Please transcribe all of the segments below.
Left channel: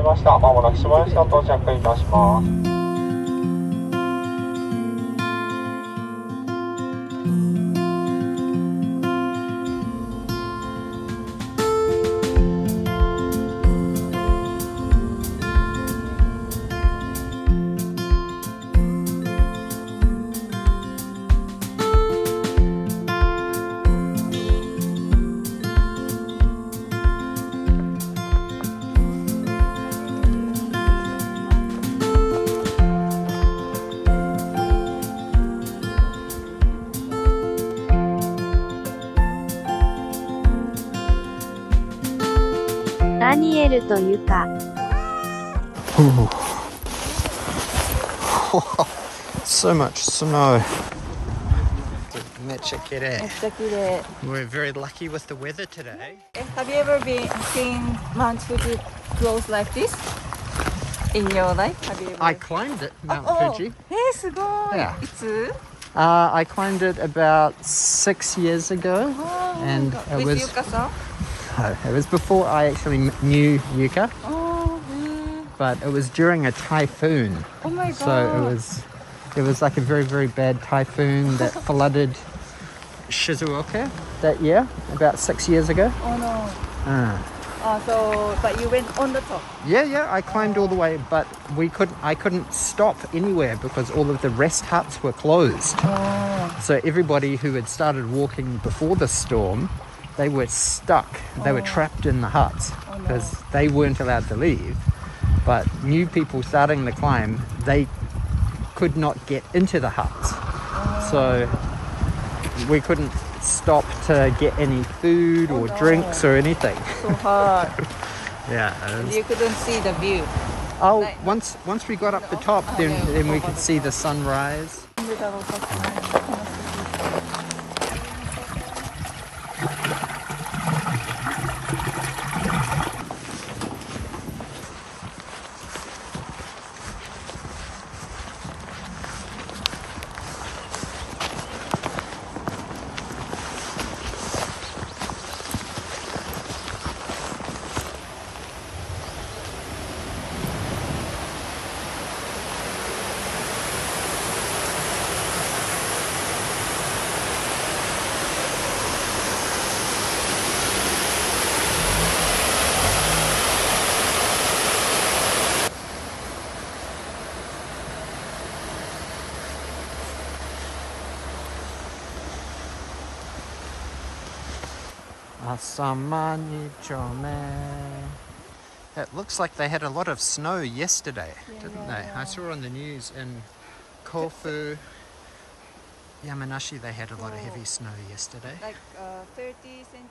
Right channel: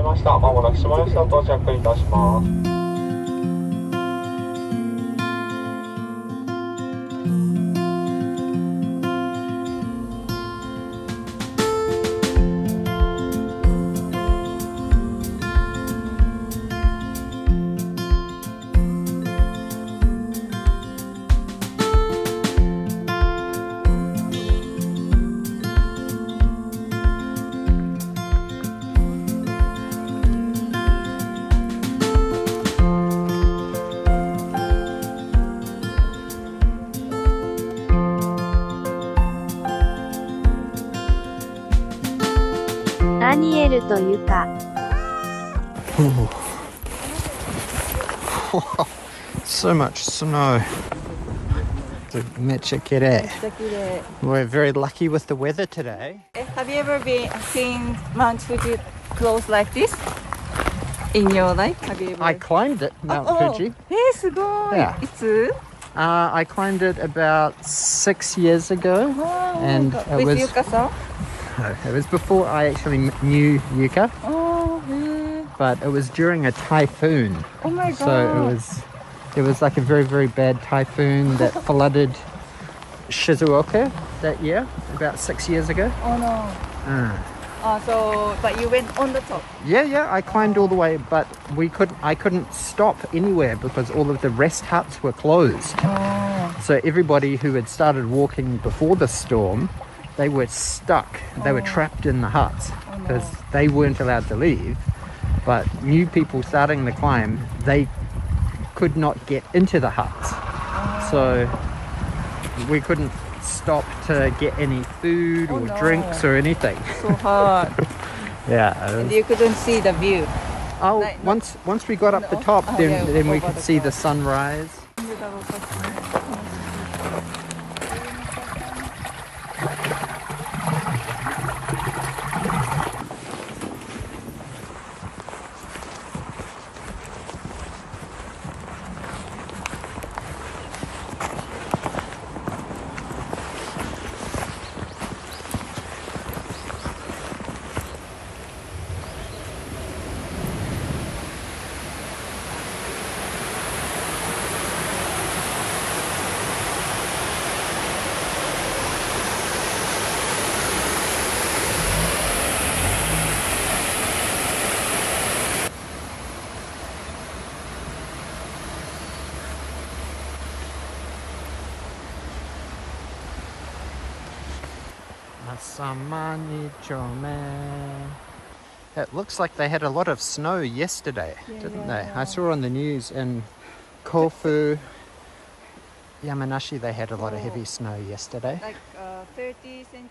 いました。まもなく下吉到着いたします。ダニエルとユカ。So much snow. We're very lucky with the weather today. Have you ever seen Mount Fuji close like this in your life? I climbed it, Mount Fuji. Yeah. I climbed it about 6 years ago, and it was before I actually knew Yuka, but it was during a typhoon. Oh my God. So there was like a very, very bad typhoon that flooded Shizuoka that year, about 6 years ago. But you went on the top? Yeah, I climbed all the way, but I couldn't stop anywhere because all of the rest huts were closed. So everybody who had started walking before the storm, they were stuck. They were trapped in the huts because they weren't allowed to leave. But new people starting the climb, they could not get into the huts. So we couldn't stop to get any food or drinks or anything. Yeah. You couldn't see the view. Oh, once we got up the top, then we could see the sunrise. It looks like they had a lot of snow yesterday, didn't they? I saw on the news in Kofu, Yamanashi, they had a lot of heavy snow yesterday. Like 30 centimeters?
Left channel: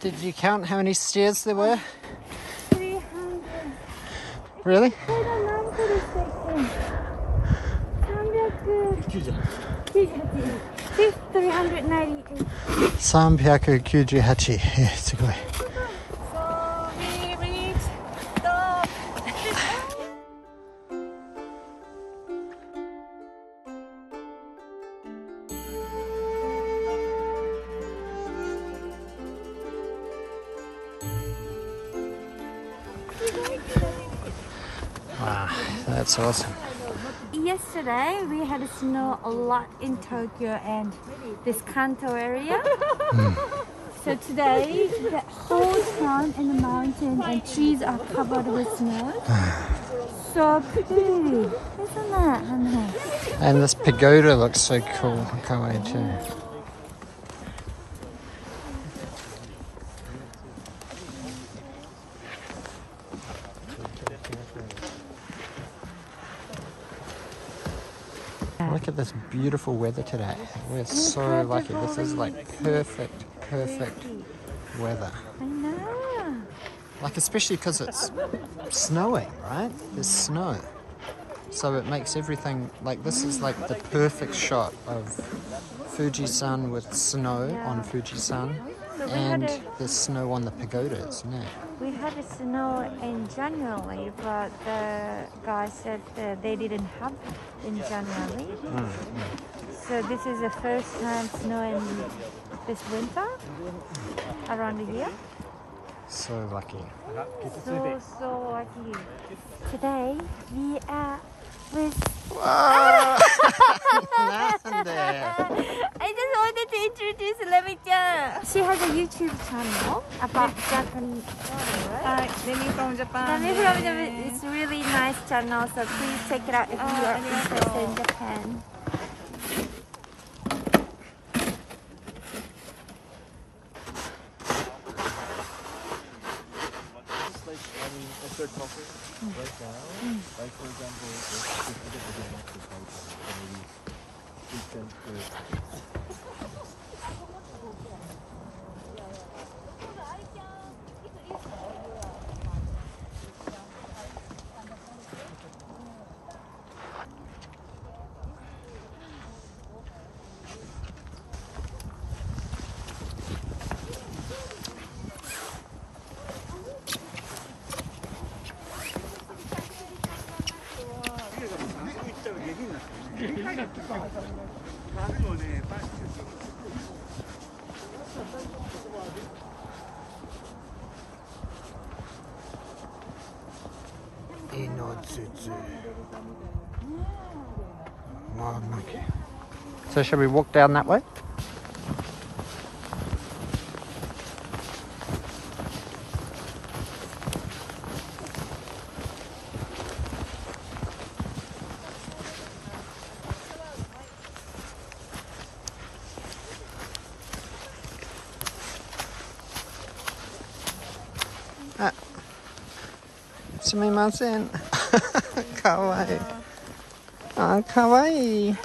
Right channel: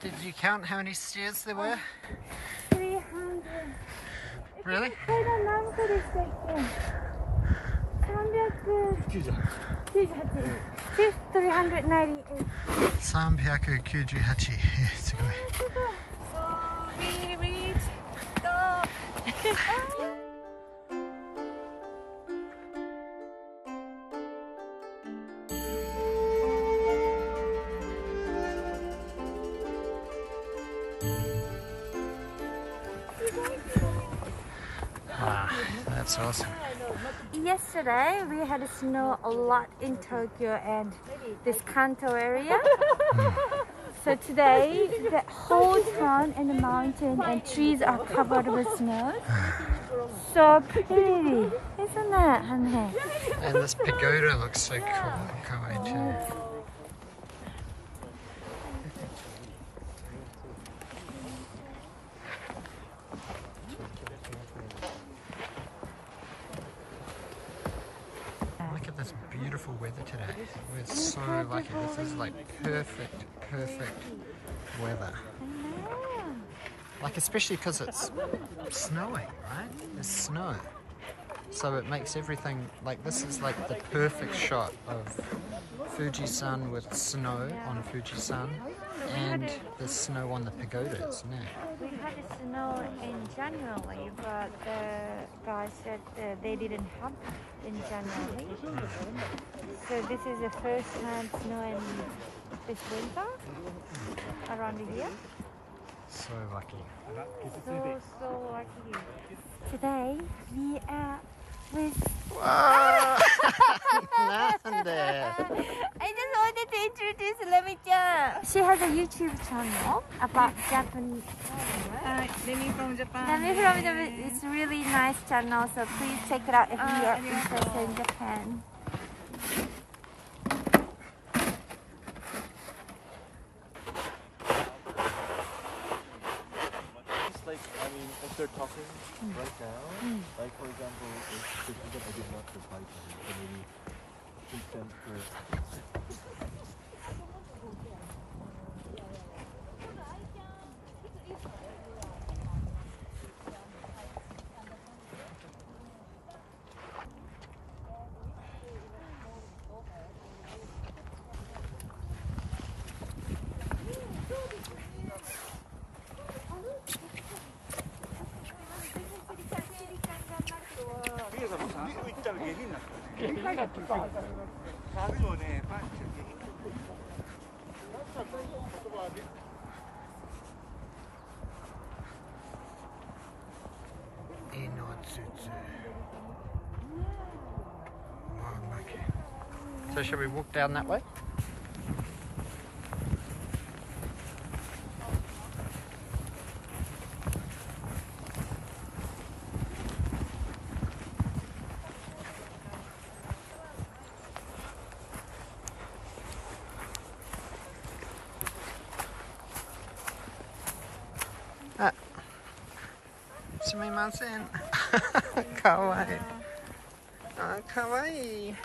Did you count how many stairs there were? 300. Really? 398. Yeah, すごい。So we reached the... Wow, that's awesome. Yesterday we had snow a lot in Tokyo and this Kanto area. So today the whole town and the mountain and trees are covered with snow. So pretty, isn't it, honey? And this pagoda looks so cool, kawaii too. Look at this beautiful weather today. We're so lucky. This is like perfect weather. I know. Like especially because it's snowing, right? There's snow. So it makes everything, like this is like the perfect shot of Fuji-san with snow on Fuji-san and the snow on the pagoda, isn't it? We had snow in January, but the guy said they didn't have it in January. So this is the first time snow in this winter around here. So lucky. So lucky. Today we are with. Wow! Nothing there. I just wanted to introduce Lemi-chan. She has a YouTube channel about Japanese. Lemi from Japan. Lemi from Japan. It's a really nice channel, so please check it out if you are interested in Japan. Wow, lucky. So shall we walk down that way? Ah, sumimasen. Kawaii. Ah, kawaii.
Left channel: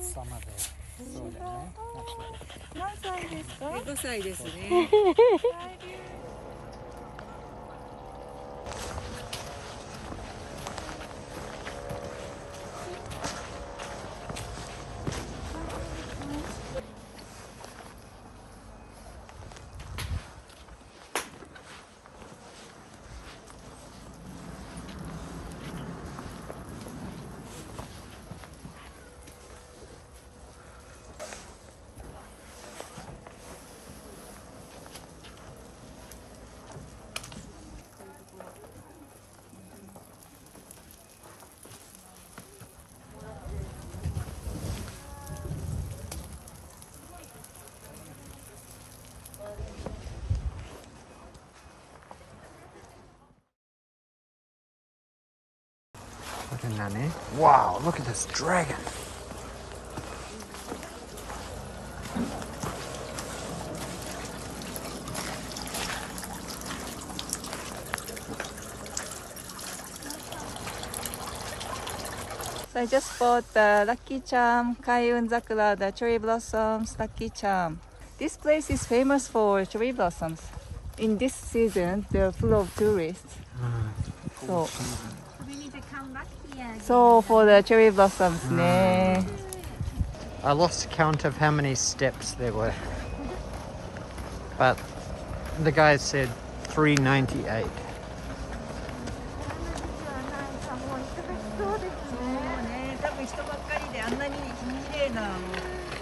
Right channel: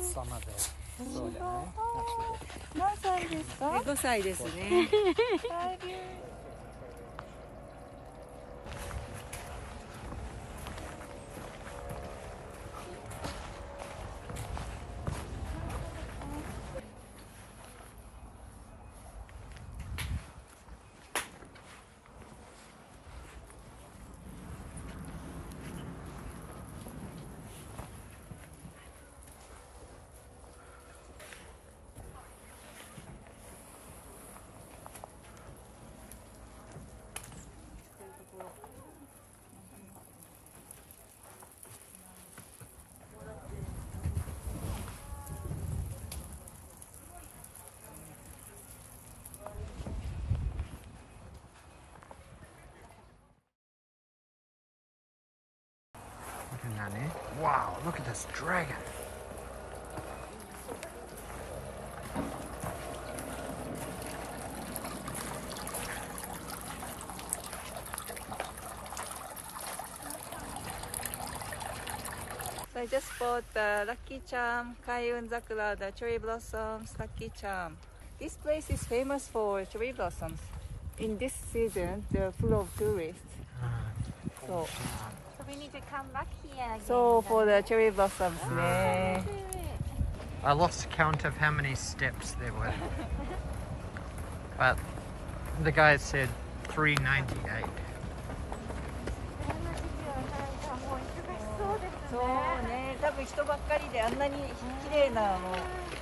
Summer there. そうだよね。何歳ですか？5歳ですね。Look at Nani. Wow, look at this dragon. So I just bought the Lucky Charm Kaiun Zakura, the cherry blossoms Lucky Charm. This place is famous for cherry blossoms. In this season, they're full of tourists. So for the cherry blossoms, ne. I lost count of how many steps there were. But the guy said 398.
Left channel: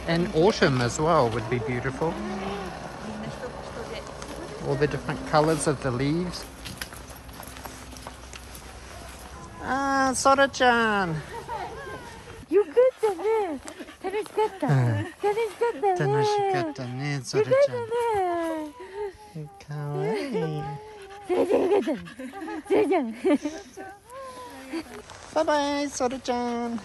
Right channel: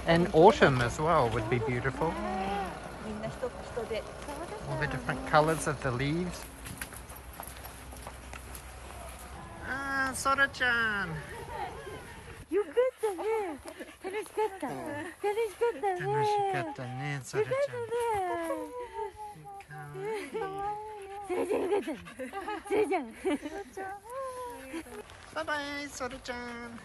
And autumn as well would be beautiful. All the different colors of the leaves. Ah, Sora-chan. よかったね。楽しかった。楽しかったね、Sora-chan。かわいい。それじゃよかった。それじゃ。バイバイ、Sora-chan。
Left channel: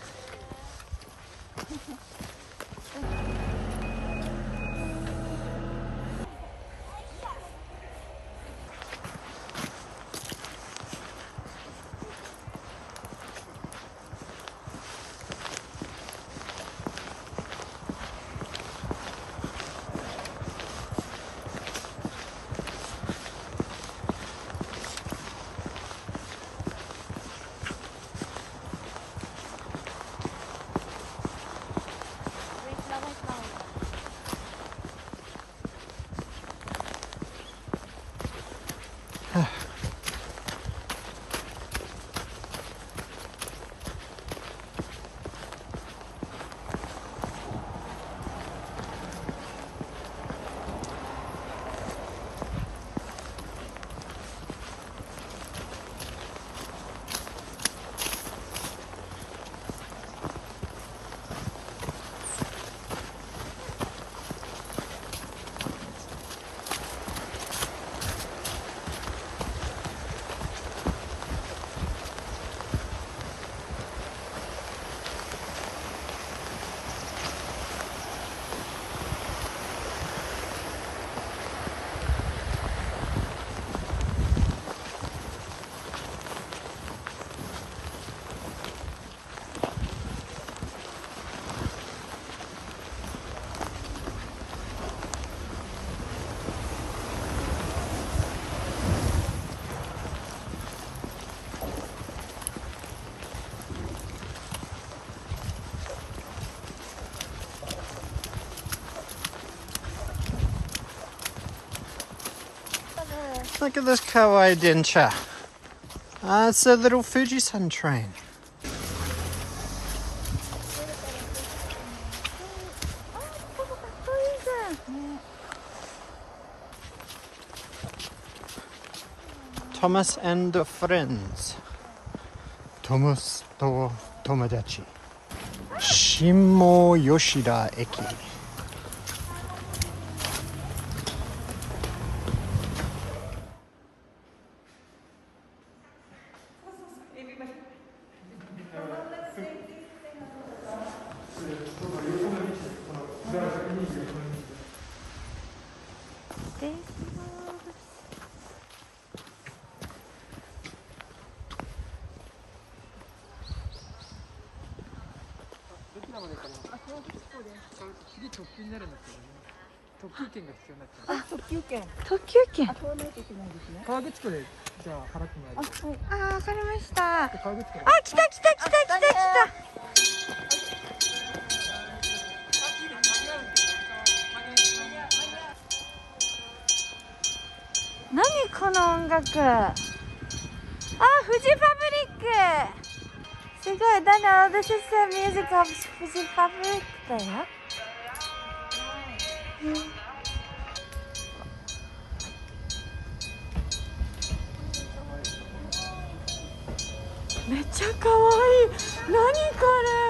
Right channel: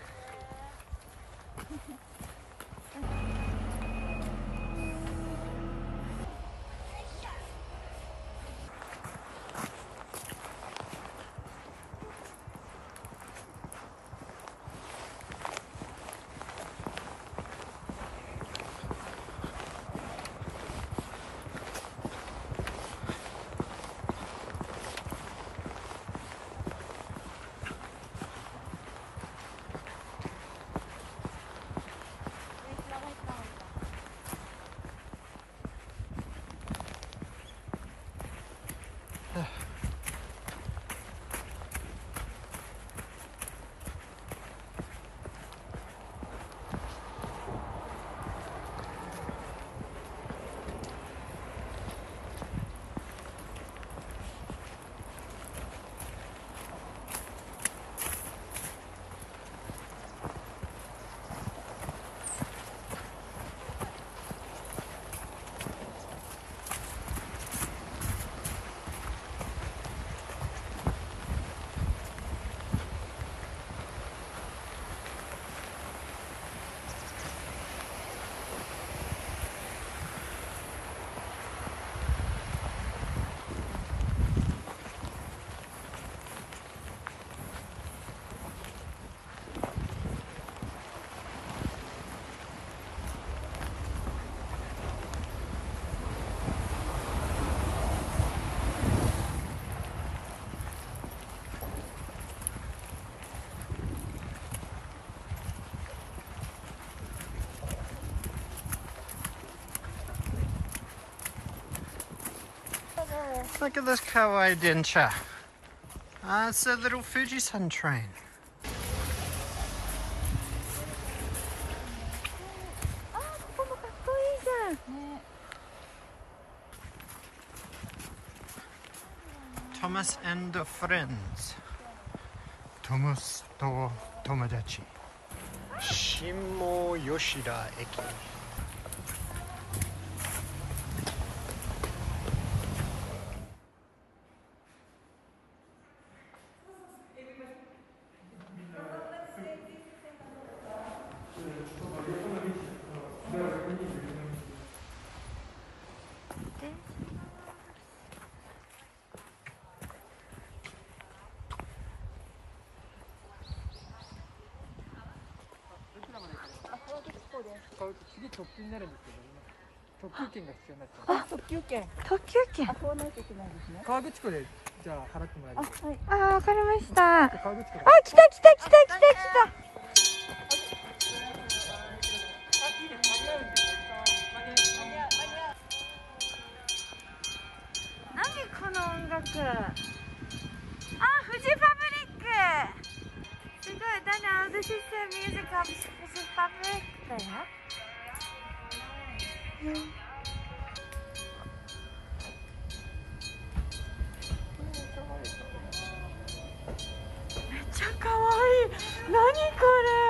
Look at this kawaii dencha. Ah, it's a little Fujisan train. Thomas and the friends. Thomas to Tomodachi. Shinmo Yoshida Eki. This is the music of Fuji Fabric だよ。めっちゃ可愛い。何これ。